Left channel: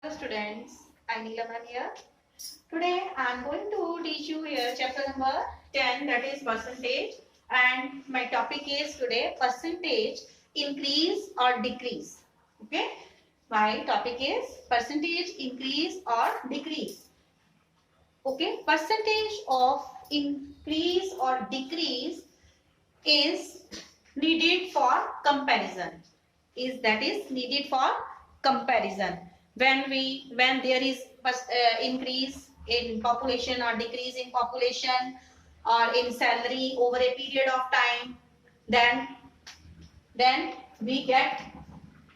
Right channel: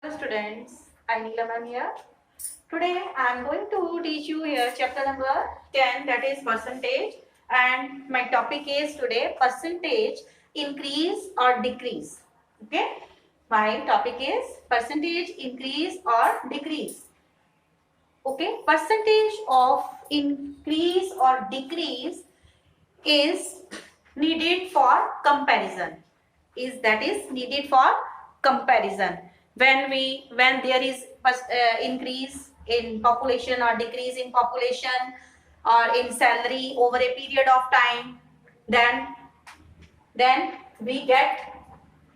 Hello students, I'm Neelaman here. Today I'm going to teach you here chapter number 10, that is percentage, and my topic is today percentage increase or decrease. Okay, my topic is percentage increase or decrease. Okay, percentage of increase or decrease is needed for comparison. Is needed for comparison when there is increase in population or decrease in population or in salary over a period of time, then we get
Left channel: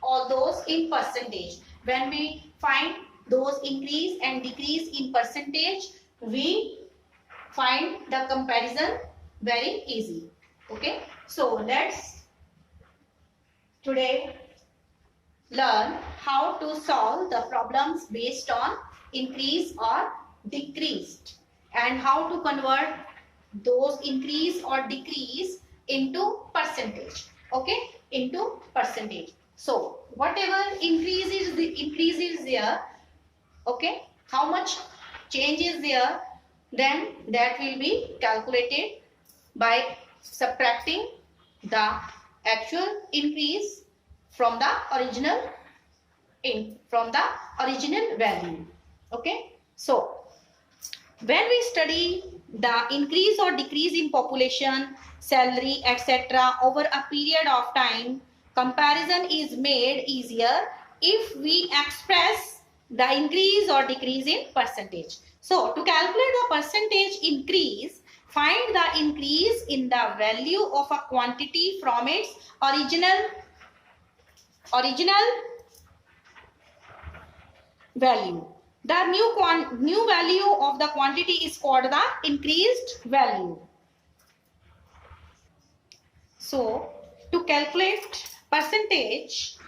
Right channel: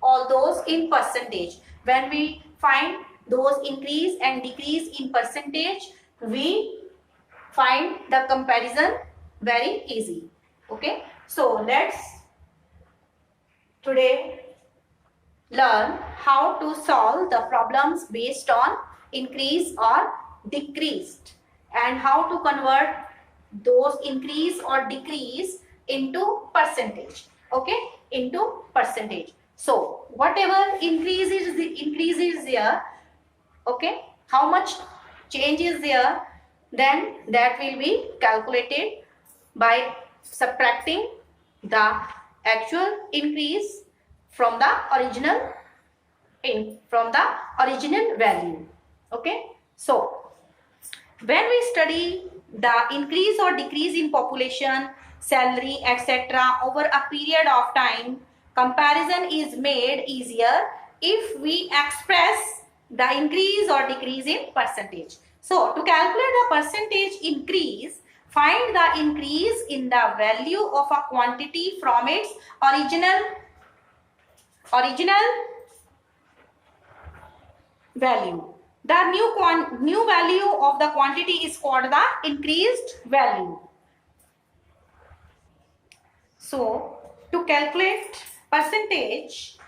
all those in percentage. When we find those increase and decrease in percentage, we find the comparison very easy. Okay, so let's today learn how to solve the problems based on increase or decreased, and how to convert those increase or decrease into percentage. Okay, into percentage. So whatever increase is there, okay, how much change is there, then that will be calculated by subtracting the actual increase from the original value. Okay, so when we study the increase or decrease in population, salary, etc. over a period of time, comparison is made easier if we express the increase or decrease in percentage. So to calculate the percentage increase, find the increase in the value of a quantity from its original value. The new value of the quantity is called the increased value. So to calculate percentage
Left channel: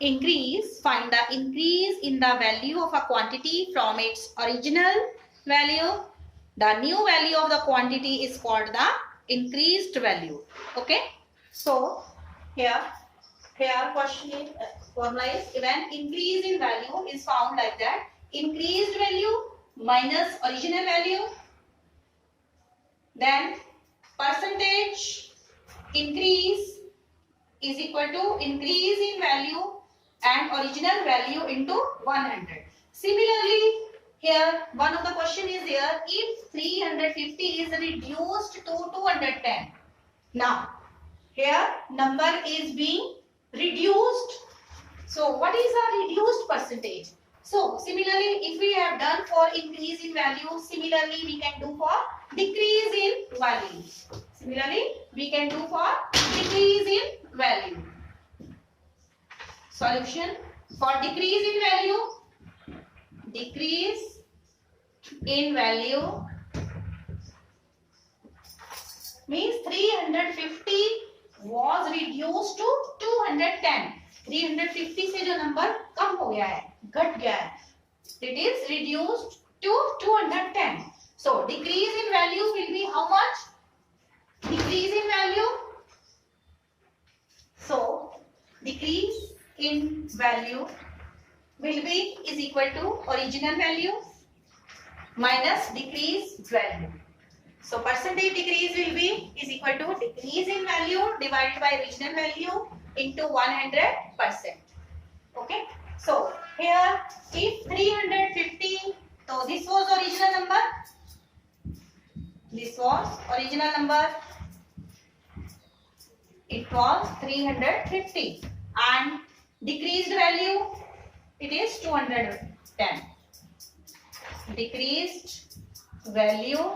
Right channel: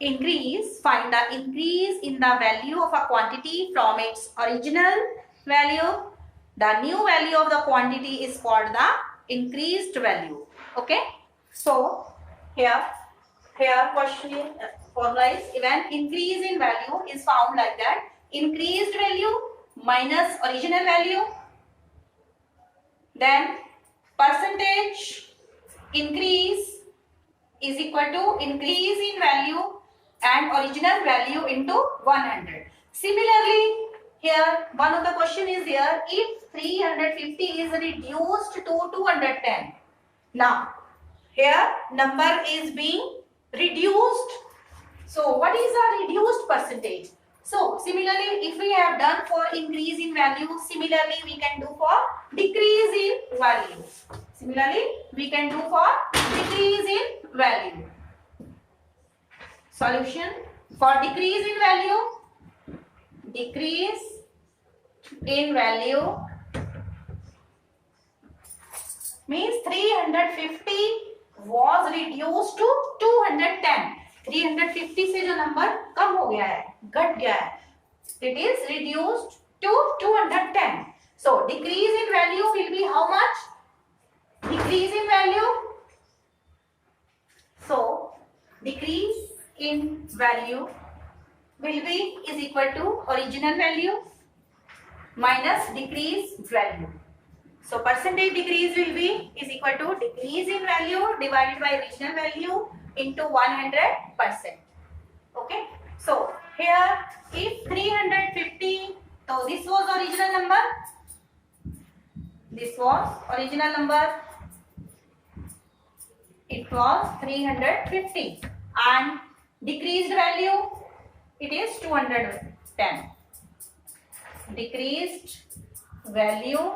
increase, find the increase in the value of a quantity from its original value. The new value of the quantity is called the increased value. Okay, so here question formula is, when increase in value is found like that: increased value minus original value, then percentage increase is equal to increase in value and original value into 100. Similarly, here one of the question is here: if 350 is reduced to 210, now here number is being reduced. So what is a reduced percentage? So similarly, if we have done for increase in value, similarly we can do for decrease in value. Similarly, we can do for decrease in value. Solution for decrease in value. Decrease in value means 350 was reduced to 210. 350 से जो number कम हो गया है, घट गया है, it is reduced to 210. So decrease in value will be how much? Decrease in value. So decrease in value will be is equal to original value minus decrease value. So percentage decrease will be is equal to decrease in value divided by original value into 100%. Okay. So here if 350, so this was original number. This was original number. It was 350 and decreased value it is 210. Decreased value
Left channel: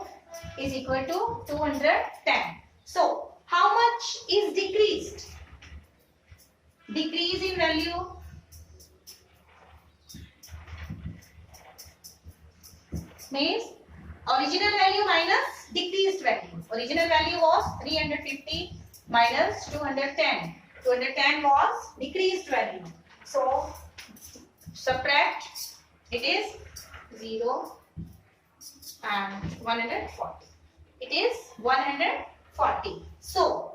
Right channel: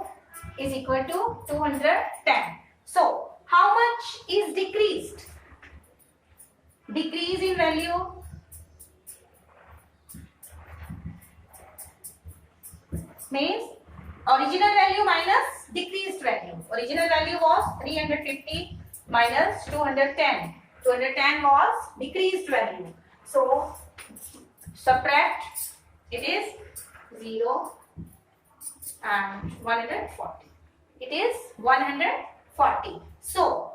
is equal to 210. So how much is decreased? Decrease in value means original value minus decreased value. Original value was 350 minus 210. 210 was decreased value. So subtract, it is 0 and 140. It is 140. So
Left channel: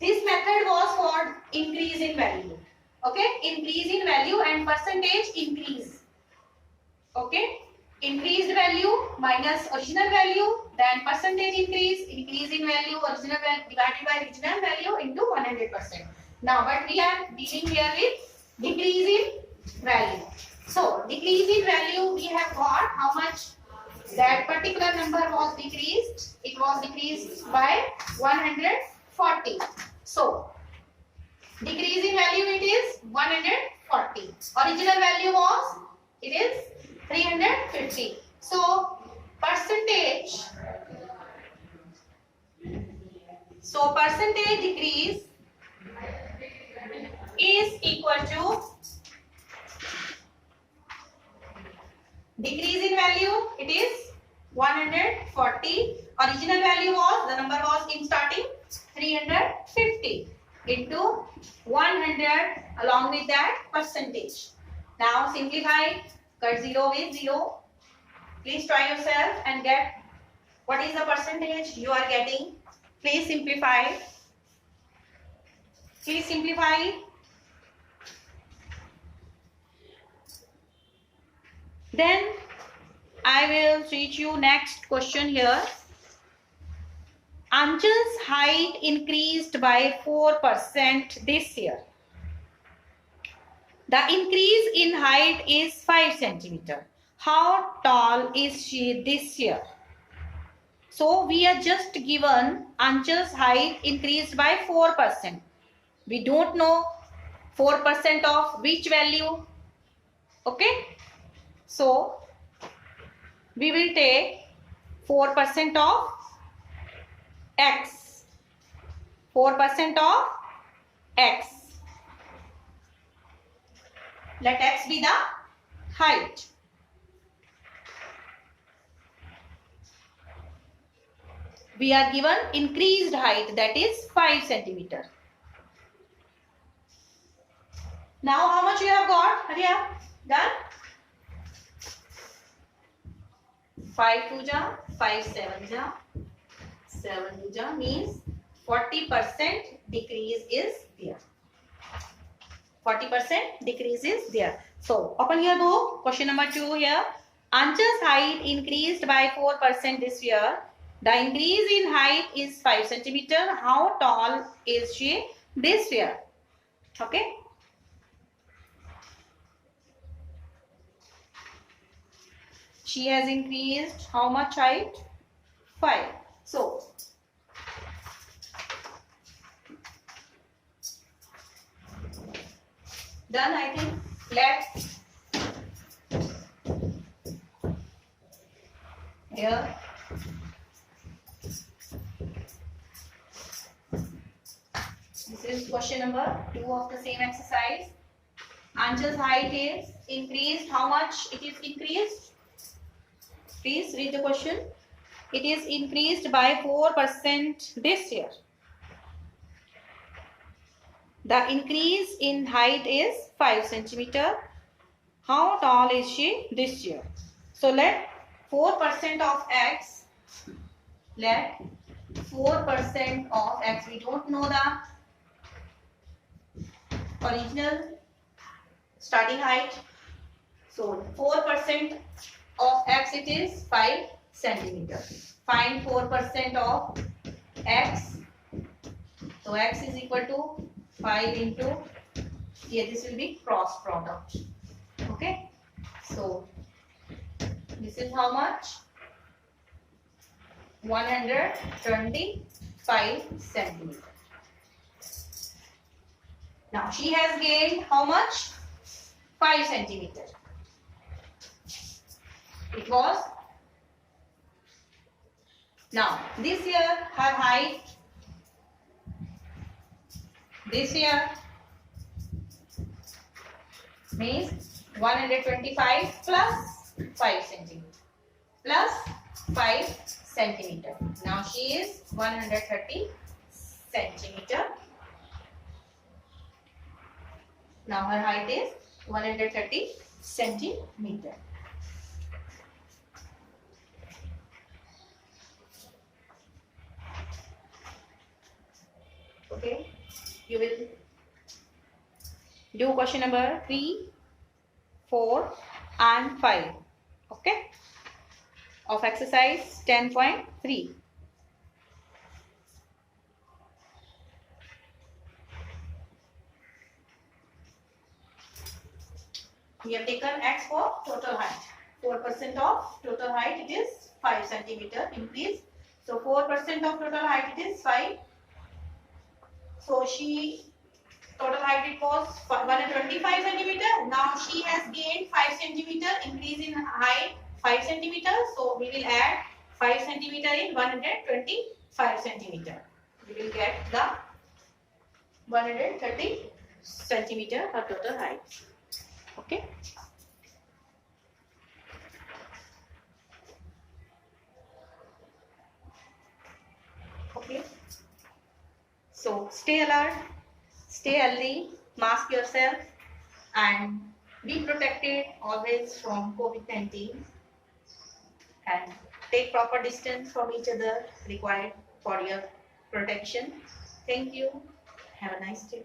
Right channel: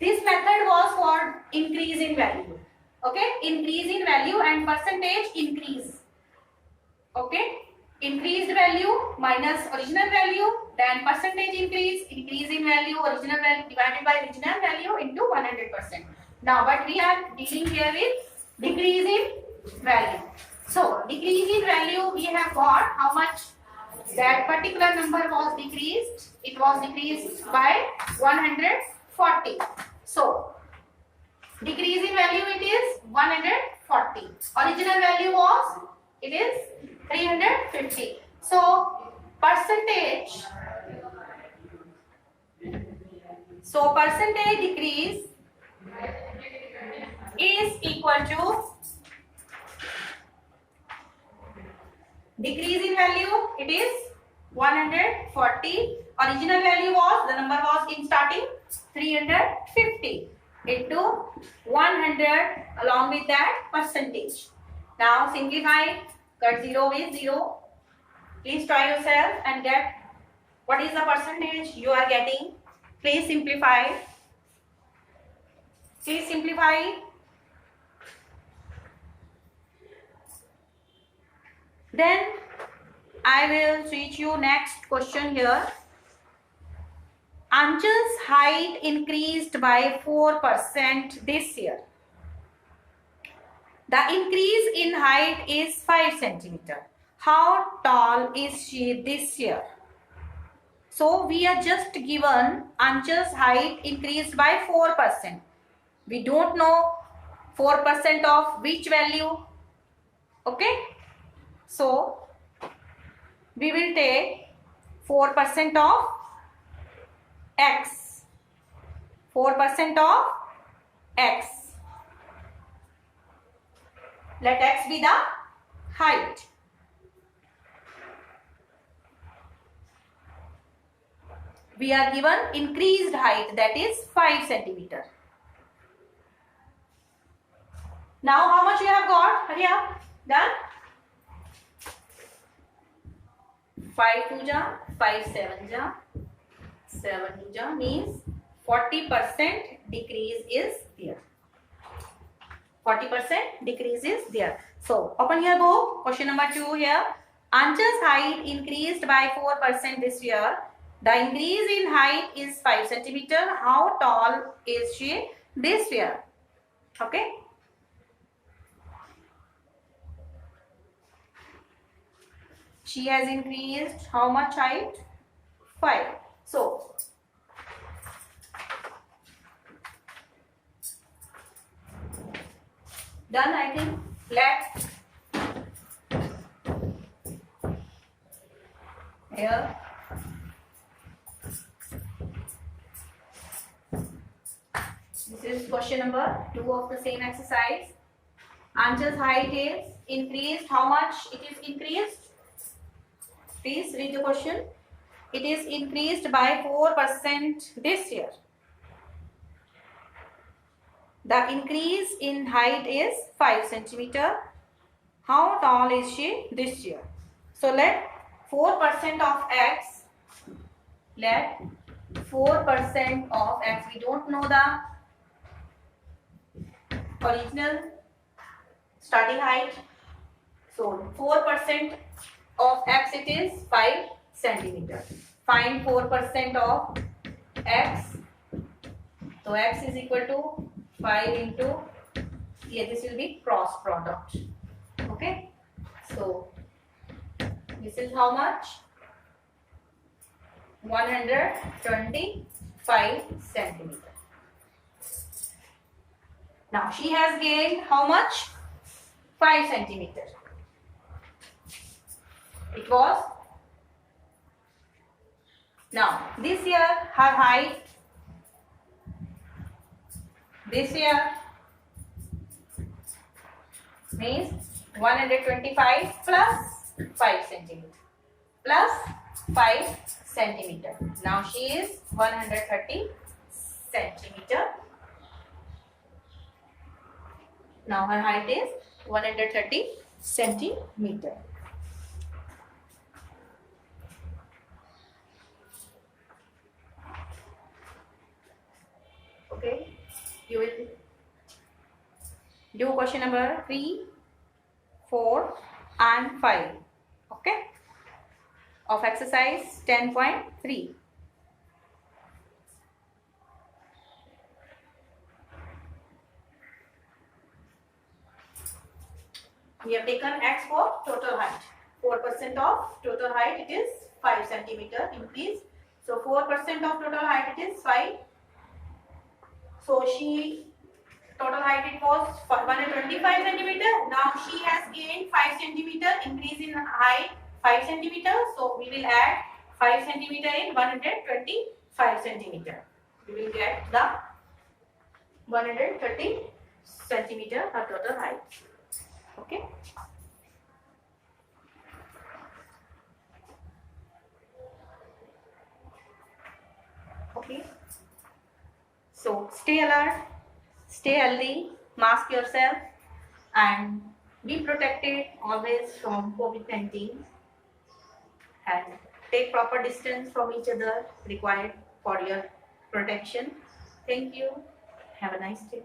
this method was for increase in value. Okay, increase in value and percentage increase. Okay, increased value minus original value, then percentage increase, increase in value, original value divided by original value into 100%. Now but we are dealing here with decrease in value. So decrease in value, we have got how much that particular number was decreased. It was decreased by 140. So decrease in value, it is 140. Original value was, it is 350. So percentage decrease is equal to decrease in value, it is 140. Original value was, the number was in starting 350 into 100 along with that percentage. Now simplify, cut 0 with 0. Please try yourself and get what is the percentage you are getting. Please simplify. Please simplify. Then I will teach you next question here. Anjal's height increased by 4% this year. The increase in height is 5 centimeter. How tall is she this year? So we are just given Anjal's height increased by 4%. We don't know 4% of which value. Okay. So we will take 4% of x. 4% of x. Let x be the height. We are given increased height, that is 5 centimeter. Now how much you have got? Hurry up. Done? 5 2 ja, 5 7 ja, 7 2 ja means 40% decrease is there. 40% decrease is there. So open your book. Question number 2 here. Anjal's height increased by 4% this year. The increase in height is 5 centimeter. How tall is she this year? Okay. She has increased how much height? 5. So done, I think. Let here this is question number 2 of the same exercise. Anjal's height is increased. How much it is increased? Please read the question. It is increased by 4% this year. The increase in height is 5 centimeter. How tall is she this year? So let 4% of x. Let 4% of x. We don't know the original starting height. So 4% of x, it is 5 centimeter. Find 4% of x. So x is equal to 5 into, here this will be cross product. Okay. So this is how much? 125 centimeter. Now she has gained how much? 5 centimeter. It was. Now this year her height, this year means 125 plus 5 centimeter plus 5 centimeter. Now she is 130 centimeter. Now her height is 130 centimeter. Okay, you will do question number 3, 4 and 5. Okay, of exercise 10.3. We have taken X for total height. 4% of total height, it is 5 centimeter increase. So 4% of total height, it is 5. So she total height it was 125 centimeter. Now she has gained 5 centimeter, increase in height 5 centimeter. So we will add 5 centimeter in 125 centimeter. We will get the 130 centimeter her total height. Okay. Okay. So stay alert, stay healthy, mask yourself, and be protected always from COVID-19, and take proper distance from each other required for your protection. Thank you. Have a nice day.